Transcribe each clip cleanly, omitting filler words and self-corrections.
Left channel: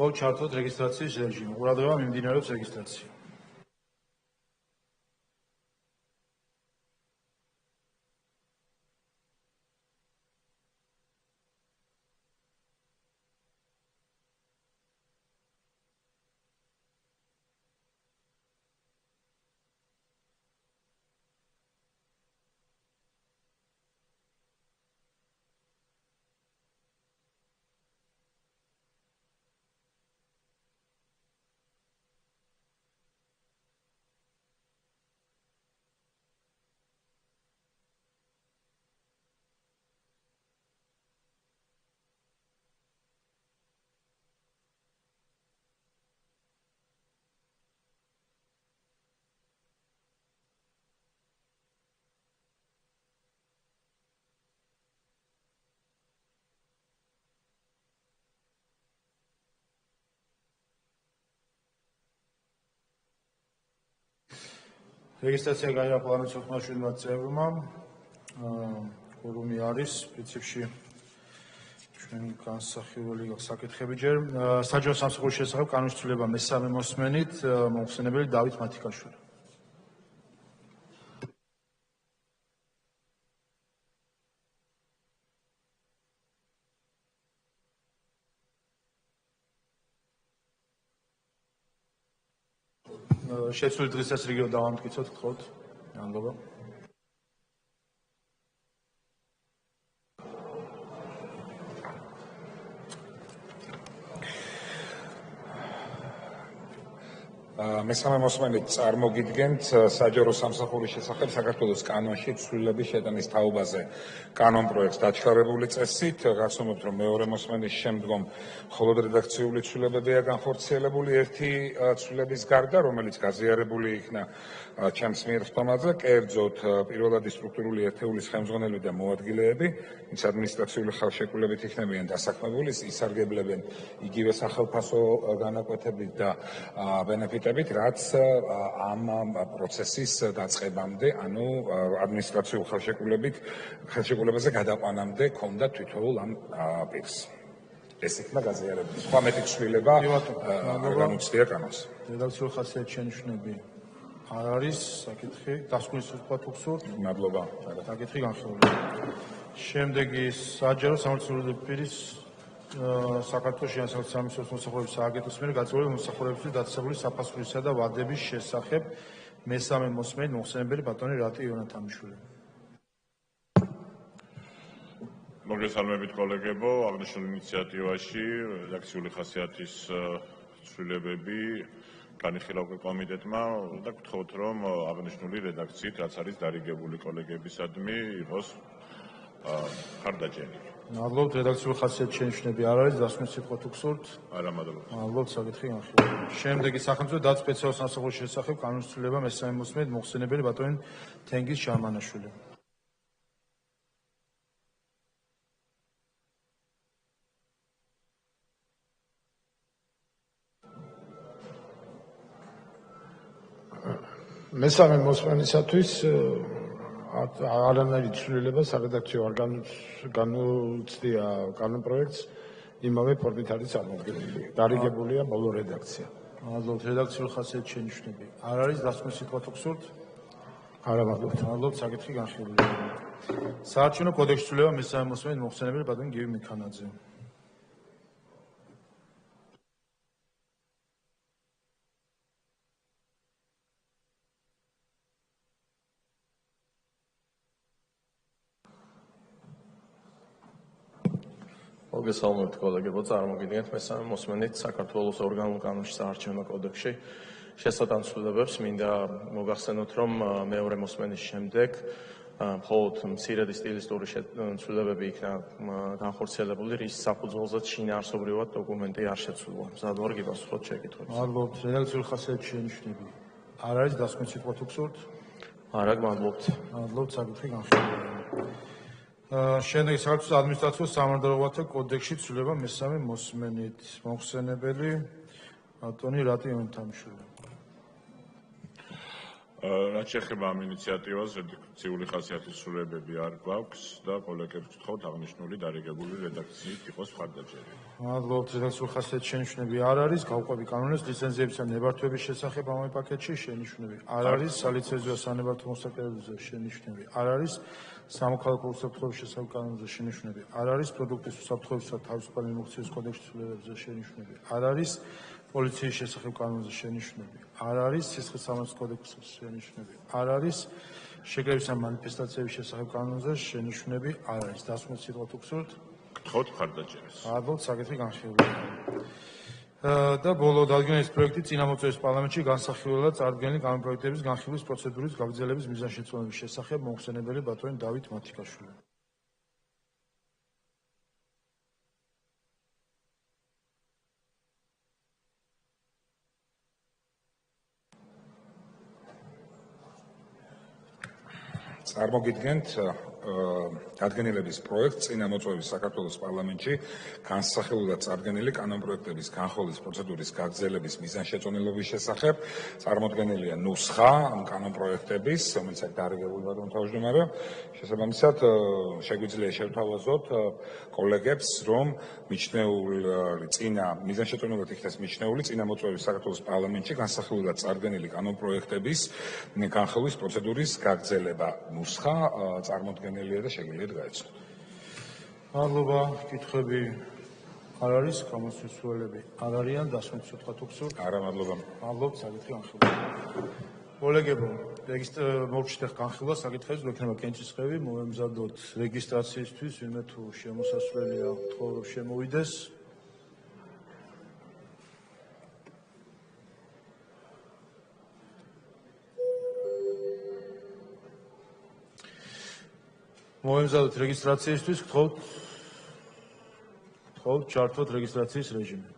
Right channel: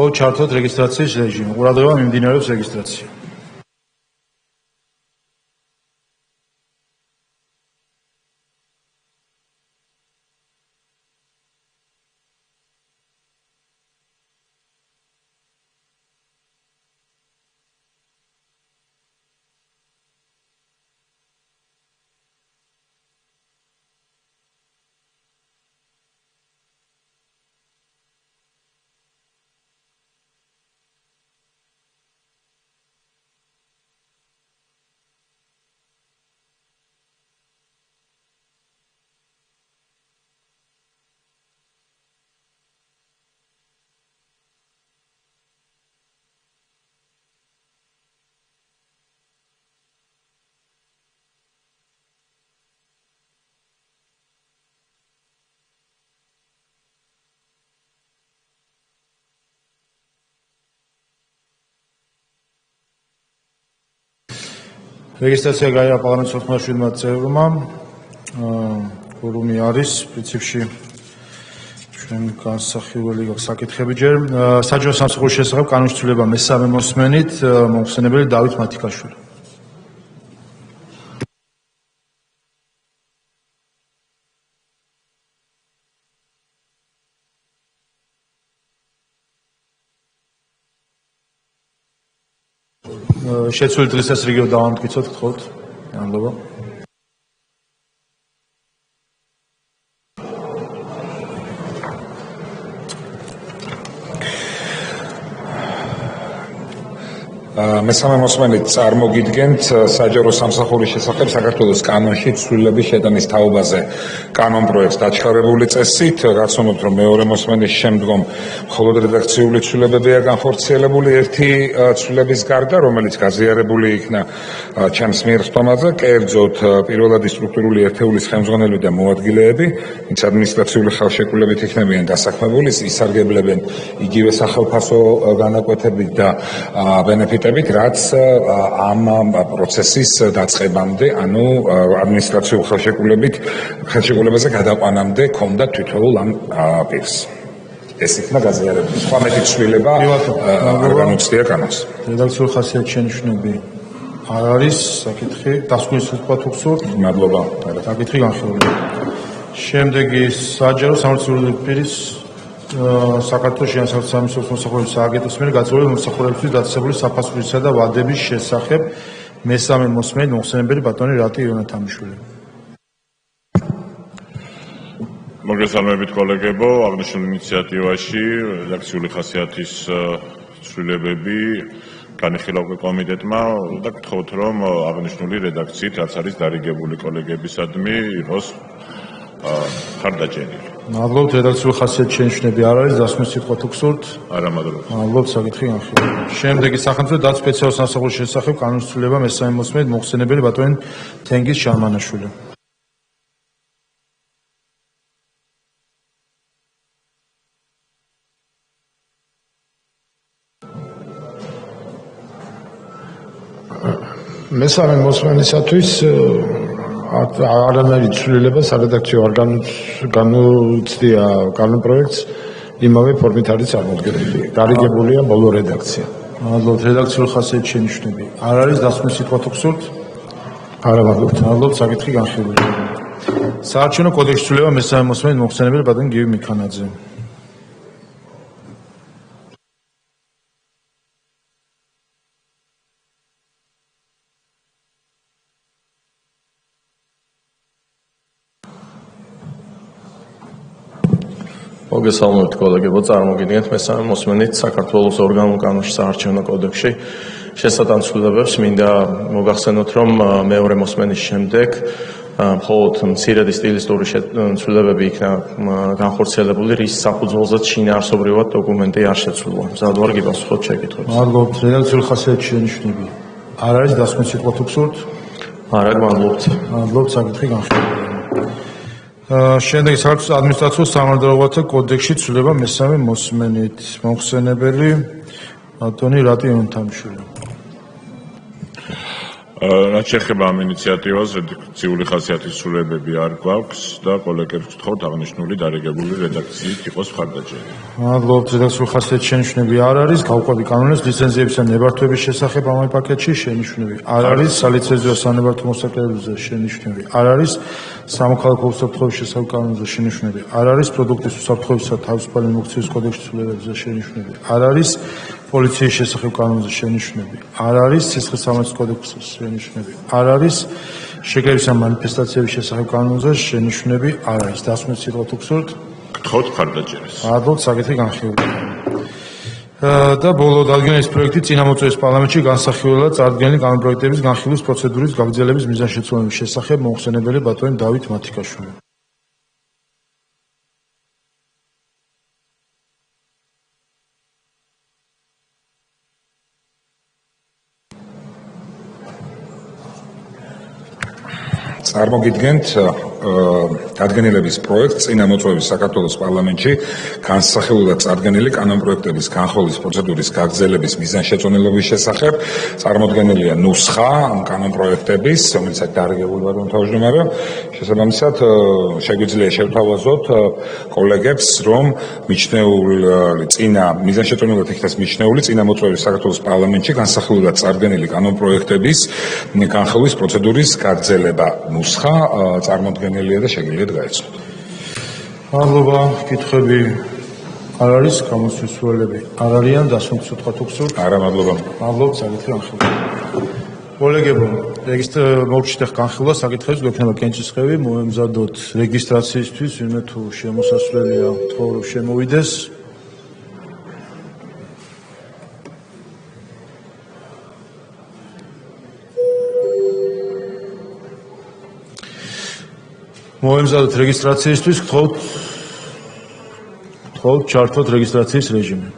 მხოლოდ ჩართოთ რეგისტრაციის რეჟიმი. ყურადღება მიმდინარეობს რეგისტრაცია. რეგისტრაცია გაიარა პარლამენტის 97 წევრმა. ფორუმი არის პრინციპში ჩვენ განსახილველი საკითხები ჯერ საჯარო სამსახურის შესახებ კანონის ცვლილება მესამე მოსმენით მომხსენებელი დავით მათიკაშვილი. შეცვლილი დღის რიგით დავამტკიცოთ, გთხოვთ. მადლობა. მესამე მოსმენით წარმოგიდგენთ საჯარო სამსახურის შესახებ საქართველოს კანონში ცვლილების შეტანის თაობაზე კანონ პროექტს დაჩქარებული წესით, გაცნობთ, რომ მეორე მოსმენის შემდგომ მხოლოდ რედაქციული ცვლილებებია განხორციელებული ერთი ცვლილების გარდა, რომელიც გაზიარებული იქნა ჩემს მიერ ხტომაზე, კერძოდ პირველადი სტრუქტურული ერთეულის ხელმძღვანელები და მოადგილეები, ვინც ადმინისტრაციული ხელშეკრულებით იქნებიან დასაქმებული, ისარგებლებენ იგივე სახელფასო განაკვეთებით და ბენეფიტებით, რაც ამ პროცესის დაწყებამდე, ანუ ადმინისტრაციულ ხელშეკრულებაზე გადაყვანამდე ჰქონდა თითოეულ ამ პირს. ეს იქნა გაზიარებული. სხვა მეტი ცვლილება არ განუცდია კანონს. რედაქციული ხასიათის შენიშვნები არ არის, საკითხი დასკვნის ვთქვათ უხსოვთ. მადლობა. საკითხი განხილული. შემდეგი საჯარო სამართლიანი პირის საქართველოს შეანსახის სამისლის მოსახურების სააგენტოს მიერ გაწეული მომსახურებისთვის დაწესებული საფასურისა და ვადების შესახებ მესამე მოსმენით მომხსენებელი ბატონი რატი იონათამიშვილი. მოგესალმებით კოლეგებო, აღნიშნულ ინიციატივაში რედაქციული ხასიათის ცვლილებები განიხილა კომიტეტმა და გთხოვთ, რომ აღნიშნული რედაქციით, რაც არის დარიგებული კოლეგებისადმი, იყოს ხარდაჭერილი. მადლობთ, რედაქციული ხასიათის შენიშვნები არ არის, დასკვნის სიტყვა თუ გსურთ? არა, მადლობა. მადლობთ, საკითხი განხილული. შემდეგი სახელმწიფო დაცვის სპეციალურ სამსახურის შესახებ კანონის ცვლილება მესამე მოსმენით მომხსენებელი ბატონი თენგიზ შარმანაშვილი. მესამე მოსმენისათვის არანაირი ცვლილება სარედაქციო არ განუცდია კანონ პროექტს, იმავე ფორმით არის წარმოდგენილი. დარიგებულია ბოლო რედაქცია. მადლობთ, რედაქციული ხასიათის შენიშვნები არ არის, დასკვნის სიტყვა თუ გსურთ? არა, მადლობთ. მადლობთ, საკითხი განხილული. საარჩევნო კოდექსის ცვლილება მესამე მოსმენით მომხსენებელი ბატონი გივი მიქანაძე. მოგესალმებით კოლეგებო, წარმოგიდგენთ მესამე მოსმენით საქართველოს ორგანულ კანონში საარჩევნო კოდექსში შესატან ცვლილებებს. მინდა მოგახსენოთ, რომ მეორე მოსმენის შემდეგ მხოლოდ მცირედი სტილისტური ცვლილებები იქნა განხორციელებული, რის საფუძველზეც შინაარსობრივად დოკუმენტი არ შეცვლილა. მზად ვარ გიპასუხოთ შეკითხვებს. მადლობთ, რედაქციული ხასიათის შენიშვნები არ არის, დასკვნის სიტყვა თუ გსურთ? არა, მადლობთ. მადლობთ, საკითხი განხილული. შემდეგი საქართველოს ადმინისტრაციულ სამართლებრივათა კოდექსში ცვლილება მესამე მოსმენით მომხსენებელი ბატონი რატი იონათამიშვილი. რაც შეეხება ამ ინიციატივას, რედაქციული ხასიათის ცვლილებები არ გვაქვს და კოლეგებს ვთხოვთ აღნიშნული დარიგებული რედაქციით იყოს მხარდაჭერა. მადლობთ, რედაქციული ხასიათის შენიშვნები არ არის, გავყვები კანონებს ლიცენზიებისა ნებართვების შესახებ ამ პაკეტში შენიშვნები არ არის, სალიცენზიო სანებართვო მოსაკრებებზე შენიშვნები არ არის, სამოქალაქო უსაფრთხოების შესახებ კანონზე შენიშვნები არ არის, პროდუქტის უსაფრთხოებისა და თავისუფალი მოგცემის კოდექსის ცვლილებებზე შენიშვნები არ არის, პოლიციის შესახებ კანონზე შენიშვნები არ არის, სისხლისამართლის კოდექსის შენიშვნები არ არის, შეკრებისა მანიფესტაციების შესახებ კანონზე შენიშვნები არ არის. დასმით სიტყვა თუ გსურთ? გთხოვთ მხარდაჭერას. მადლობთ, საკითხი განხილულია. და ბოლო დადგენის პროექტი წინამოწვევის პარლამენტში განსახილველად წარდგენილი კანონპროექტების განხილვის პროცედურის გაგრძელების მიზანშეწონების შესახებ მოხსენებელი ბატონი დავით მათიკაშვილი. წარმოგიდგენთ დადგენილების პროექტს წინამოწვევის საქართველოს პარლამენტში განსახილველად წარდგენილი კანონპროექტების განხილვის პროცედურის გაგრძელების მიზანშეწონილობის შესახებ. წარმოდგენილია ნუსხა ამ კანონპროექტების, რომელიც დარიგებული ვარ თავმჯდომარე. შესაბამისად, შეგვიძლია შევთავაზოთ კოლეგებს, რომ მიჩნეული წინა მიზანშეწონილად იქნას მიჩნეული წინამოწვევის საქართველოს პარლამენტში განსახილველად წარდგენილი კანონპროექტების განხილვის პროცედურის გაგრძელება. ნუსხა წარმოდგენილია და შეგიძლიათ გაეცნოთ. მადლობა, კითხვები არ არის, გამოსვლის სურვილები არ არიან, დასმით სიტყვა თუ გსურთ? არა, მადლობა. მადლობთ, საკითხი განხილულია. კოლეგებო, მოგჩნდეთ განხილვა საკითხებს, გვექნება კენჭისყრები, მოემზადოთ რეგისტრაციისთვის, ვინმე თუ შემოსასვლელია, თქო რომ შემოვიდეს. მოემზადოთ რეგისტრაციისთვის, გთხოვთ ჩართოთ რეგისტრაციის რეჟიმი.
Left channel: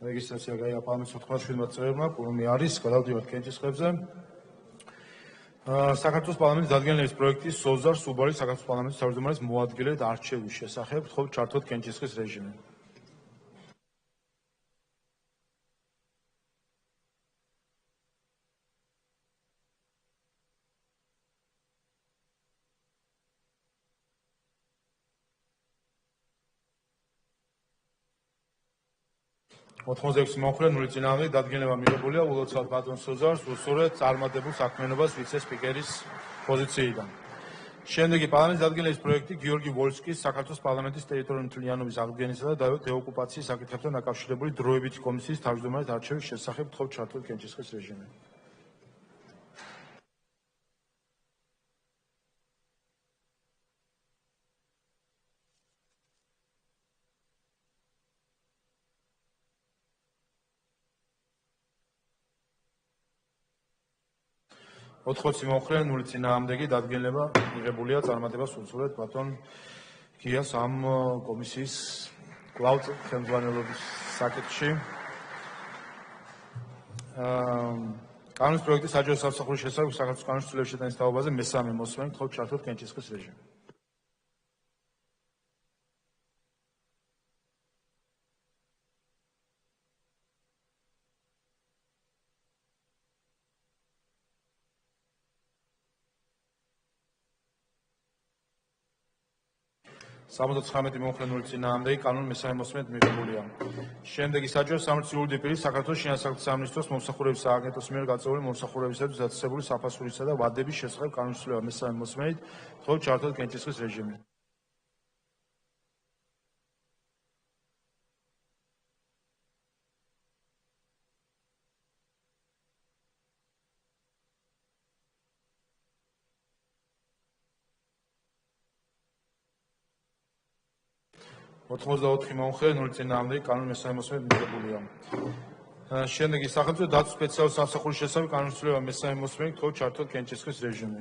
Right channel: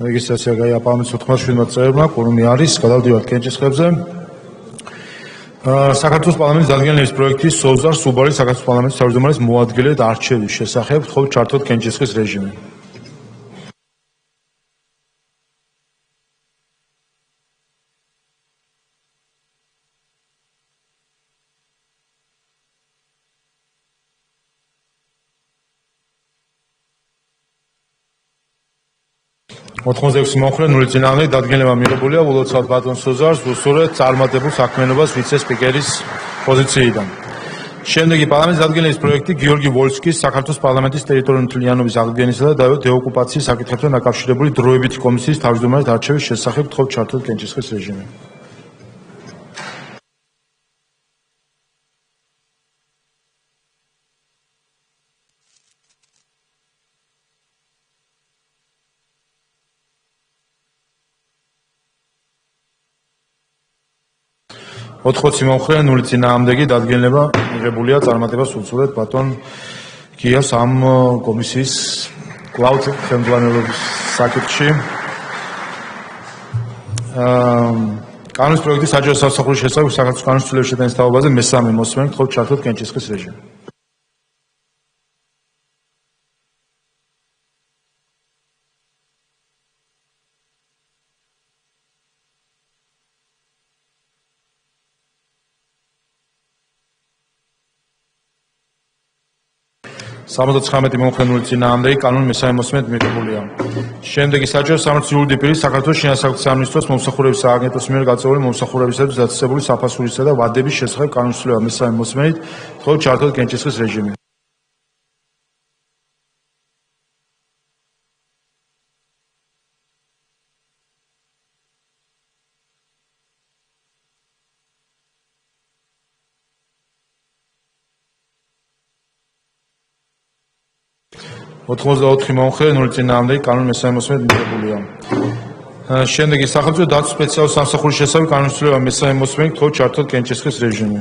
რეგისტრაცია გაიაპალმეს 87 წევრმა, კურუმი არის, გადავდივართ კენჭისყრებზე. საქართველოს პარლამენტის დადგენილების პროექტის სოზარ სუბარის საქართველოს პარლამენტის თავმჯდომარის მოადგილედ არჩევის შესახებ, გთხოვთ ჩართოთ კენჭისყრის რეჟიმი. ოთხმოცდაექვსი მომხრე, 0 წინააღმდეგ დადგენილება მიღებულია ულოცავთ ბატონ სოზარს უსურვებთ წარმატებულ საქმიანობას ვიცე-სპიკერის პოზიციიდან. შემდეგი პარლამენტის დადგენილების პროექტი გიორგი ვოლსკის საქართველოს პარლამენტის ტერიტორიული მთლიანობის აღდგენისა და დეოკუპაციის საკითხებთან დაკავშირებული დროებითი კომისიის თავმჯდომარედ არჩევის შესახებ, გთხოვთ ჩართოთ კენჭისყრის რეჟიმი. ოთხმოცი მომხრე, 0 წინააღმდეგი დადგენილება მიღებულია წარმატებას უსურვებთ ბატონ გიას ამ კომისიის კვლავ ხელმძღვანელობის საკითხში. კანონის პროექტის საჯარო სამსახურის შესახებ საქართველოს კანონის ცვლილების შეტანის თაობაზე მესამე მოსმენით, გთხოვთ ჩართოთ კენჭისყრის რეჟიმი. 79 მომხრენული წინააღმდეგი კანონი მესამე მოსმენით მიღებულია. შემდეგი საჯარო სამართლის იურიდიული პირი საქართველოს შინაგან სამინისტროს მომსახურების სააგენტოს მიერ გაწეული მომსახურებისათვის დაწესებული საფასურისა და ვადების შესახებ კანონის ცვლილება მესამე მოსმენით თხოვ ჩართოთ კენჭისყრის რეჟიმი. ოთხმოცდაოთხი მომხრე, 0 წინააღმდეგი კანონი მესამე მოსმენით მიღებულია. შემდეგი სახელმწიფო დაცვის სპეციალური სამსახურის შესახებ კანონის ცვლილება მესამე მოსმენით თხოვ ჩართოთ კენჭისყრის რეჟიმი.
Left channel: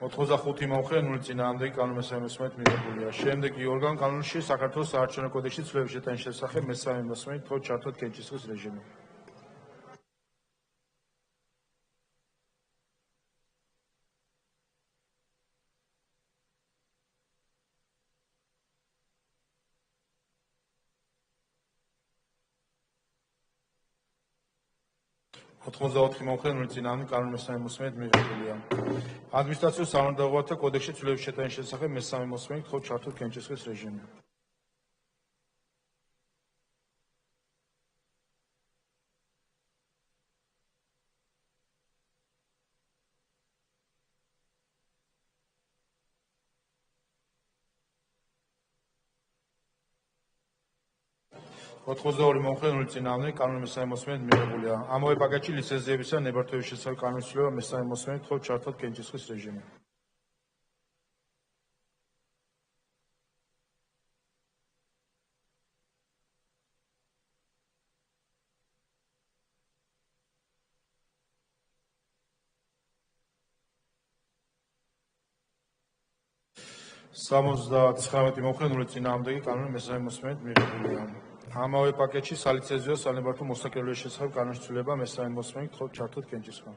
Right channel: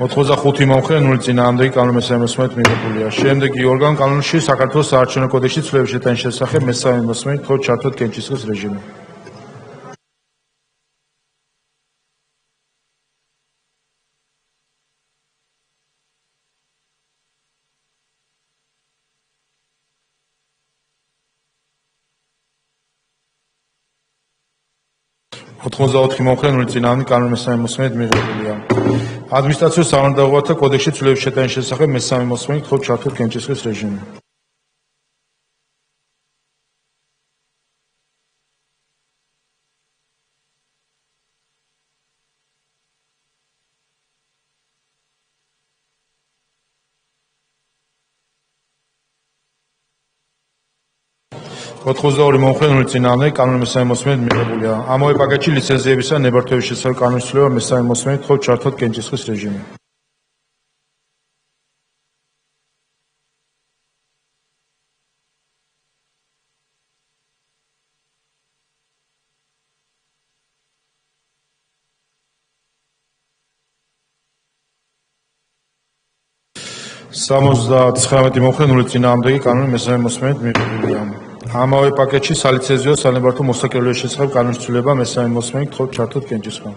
ოთხმოცდახუთი მომხრე, 0 წინააღმდეგი კანონი მესამე მოსმენით მიღებულია. შემდეგი ორგანო კანონში საქართველოს საარჩევნო კოდექსში ცვლილების შეტანის შესახებ მესამე მოსმენით თხოვ ჩართოთ კენჭისყრის რეჟიმი. ოთხმოცდაოთხი მომხრე, 0 წინააღმდეგი კანონი მესამე მოსმენით მიღებულია. ადმინისტრაციულ სამართალდაუღალთა კოდექსში ცვლილების შეტანის შესახებ მესამე მოსმენით თხოვ ჩართოთ კენჭისყრის რეჟიმი. ოთხმოცდაორი მომხრე, 0 წინააღმდეგი კანონი მესამე მოსმენით მიღებულია. ამავე პაკეტში ლიცენზიებისა და ნებართვების შესახებ კანონის ცვლილება მესამე მოსმენით თხოვ ჩართოთ კენჭისყრის რეჟიმი. სამოცდათხრამეტი მომხრე, 0 წინააღმდეგი კანონი მესამე მოსმენით მიღებულია. ამავე პაკეტში სალიცენზიო სანებართვო მოსაკერებლების შესახებ კანონის ცვლილება მესამე მოსმენით თხოვ ჩართოთ კენჭისყრი.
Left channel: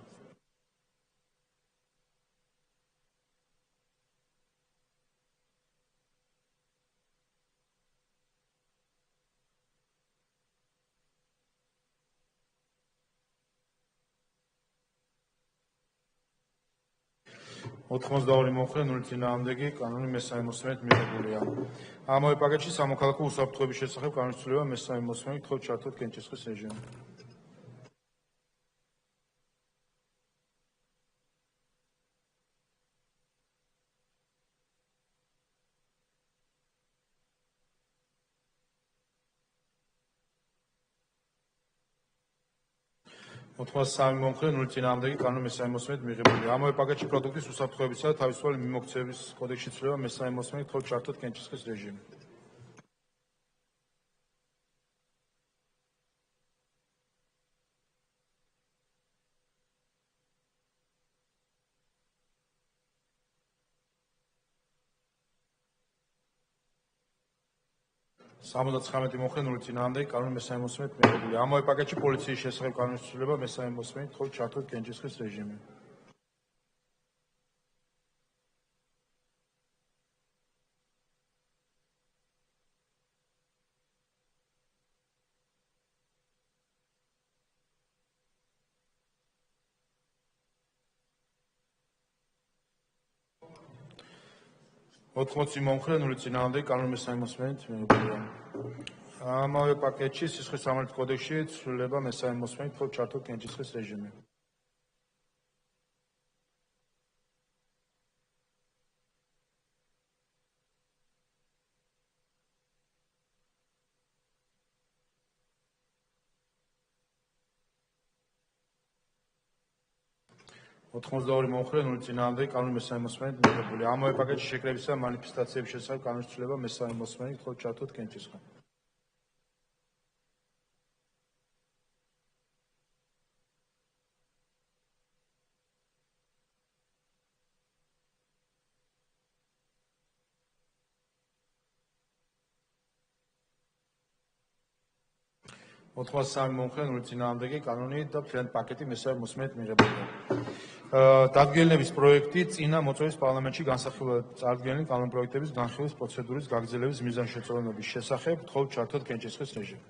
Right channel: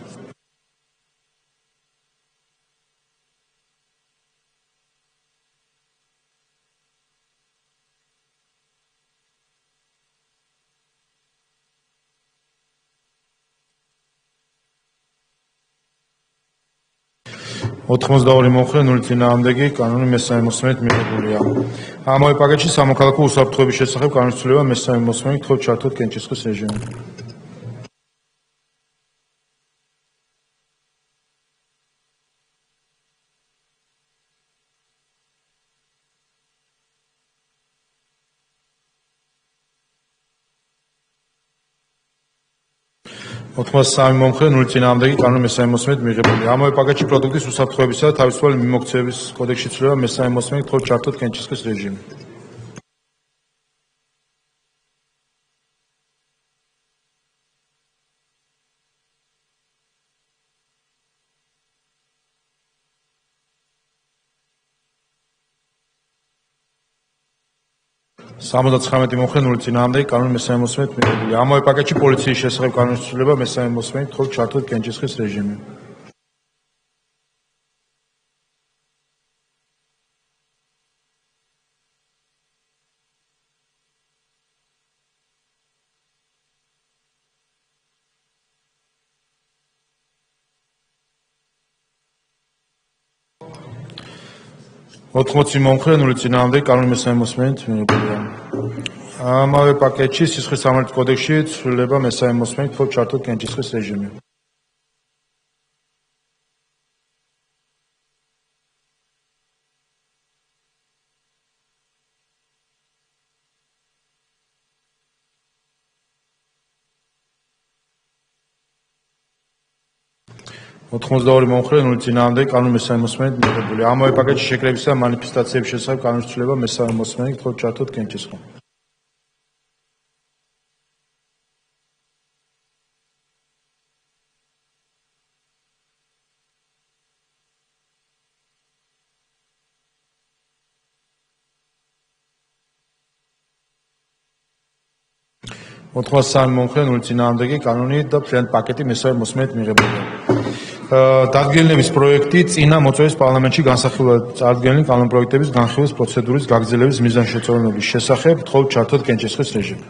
ოთხმოცდაორი მომხრე, 0 წინააღმდეგი კანონი მესამე მოსმენით მიღებულია. ამავე პაკეტში სამოქალაქო უსაფრთხოების შესახებ კანონის ცვლილება მესამე მოსმენით თხოვ ჩართოთ კენჭისყრის რეჟიმი. ოთხმოცდასამი მომხრე, 0 წინააღმდეგი კანონი მესამე მოსმენით მიღებულია. ამავე პაკეტში პროდუქტის უსაფრთხოებისა და თავისუფალი მიმოქცევის კოდექსში ცვლილება მესამე მოსმენით თხოვ ჩართოთ კენჭისყრის რეჟიმი. სამოცდაცხრამეტი მომხრე, 0 წინააღმდეგი კანონი მესამე მოსმენით მიღებულია. ამავე პაკეტში პოლიციის შესახებ კანონის ცვლილება მესამე მოსმენით თხოვ ჩართოთ კენჭისყრის რეჟიმი. ოთხმოცი მომხრე, 0 წინააღმდეგი კანონი მესამე მოსმენით მიღებულია. ამავე პაკეტში სისხლის სამართლის კოდექსში ცვლილება მესამე მოსმენით თხოვ ჩართოთ კენჭისყრის რეჟიმი. ოთხმოცდაორი მომხრე, 0 წინააღმდეგი კანონი მესამე მოსმენით მიღებულია. ამავე პაკეტში შეკრებისა და მანიფესტაციების შესახებ კანონის ცვლილება მესამე მოსმენით თხოვ ჩართოთ კენჭისყრი. ოთხმოცდასამი მომხრე, 0 წინააღმდეგი კანონი და მთლიანი პაკეტი მესამე მოსმენით მიღებულია. დადგენილების პროექტი წინა მოწვევის პარლამენტში განსახილველად წარდგენილი კანონპროექტების განხილვის პროცედურის გაგრძელების მიზანშეწონილობის შესახებ თხოვთ ჩართოთ კენჭისყრის რეჟიმი.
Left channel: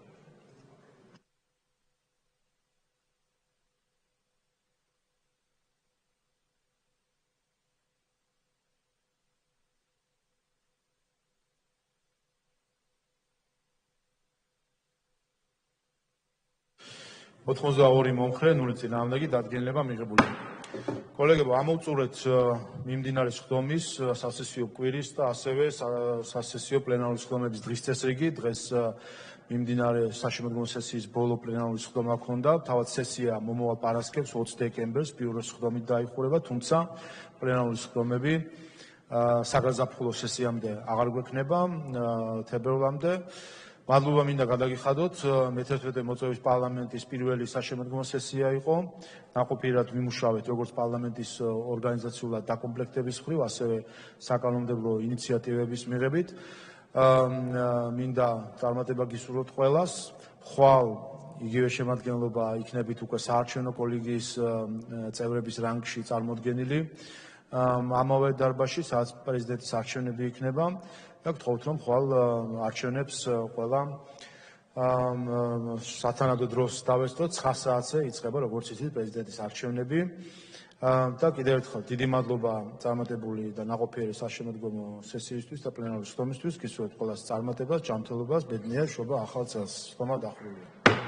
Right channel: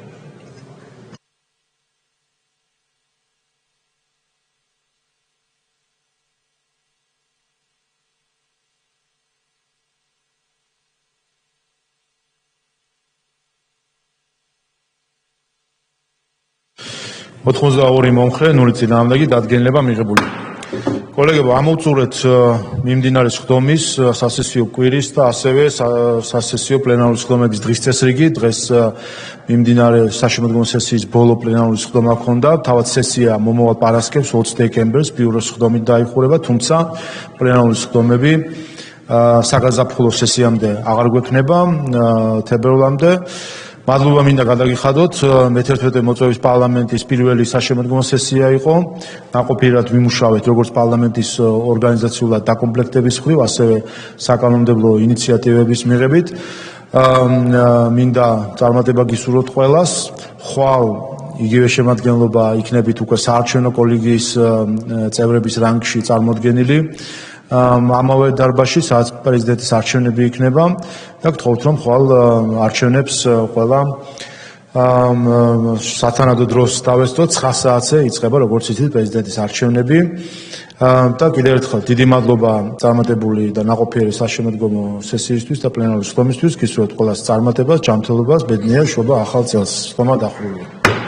ოთხმოცდაორი მომხრე, 0 წინააღმდეგი დადგენილება მიღებული. კოლეგებო, ამოვწურეთ მიმდინარე სხდომის სასესიო კვირის და ასევე სასესიო პლენარული სხდომების დღის წესრიგი. დღეს მიმდინარე საშემოდგომო სესიის ბოლო პლენარული სხდომა ჰქონდა. თავად სესია მომავალ პარასკევს 20 დეკემბერს ბიუროს სხდომით დაიხურება, თუმცა პლენარული სხდომები საგაზაფხულო სესიამდე აღარ გვექნება თებერვლამდე. მადლობა მინდა გადაგიხადოთ, მე-11 მოწვევის პარლამენტის პირველი საშემოდგომო სესია იყო. ნაყოფიერად ვიმუშავეთ როგორც პარლამენტის ორგანიზაციულად დაკომპლექტების მხრივ, ასევე საკანონმდებლო ინიციატივების მიღებით. მინდა წარმატება გისურვოთ ყველას. ხვალ იგივე შემადგენლობა იქნებით უკვე საარჩევნო კოლეგიის წევრების რანგში წარმოდგენილი. ამავე დარბაზში, სადაც პრეზიდენტის არჩევნები იქნება და გთხოვთ, რომ ხვალ არჩევნებს ყველა სათანადო დროს დავესწროთ, 9 საათზე იწყება, როგორც იცით, პრეზიდენტის არჩევნები. და კიდევ ერთხელ დიდი მადლობა წარმატებული და ნაყოფიერი საშემოდგომო სესიისთვის და პლენარული სხდომისთვის. გისურვებთ ყველას წარმატებას, ჯანმრთელობას, ბედნიერ შობა ახალ წელს. სხდომა დახურულია.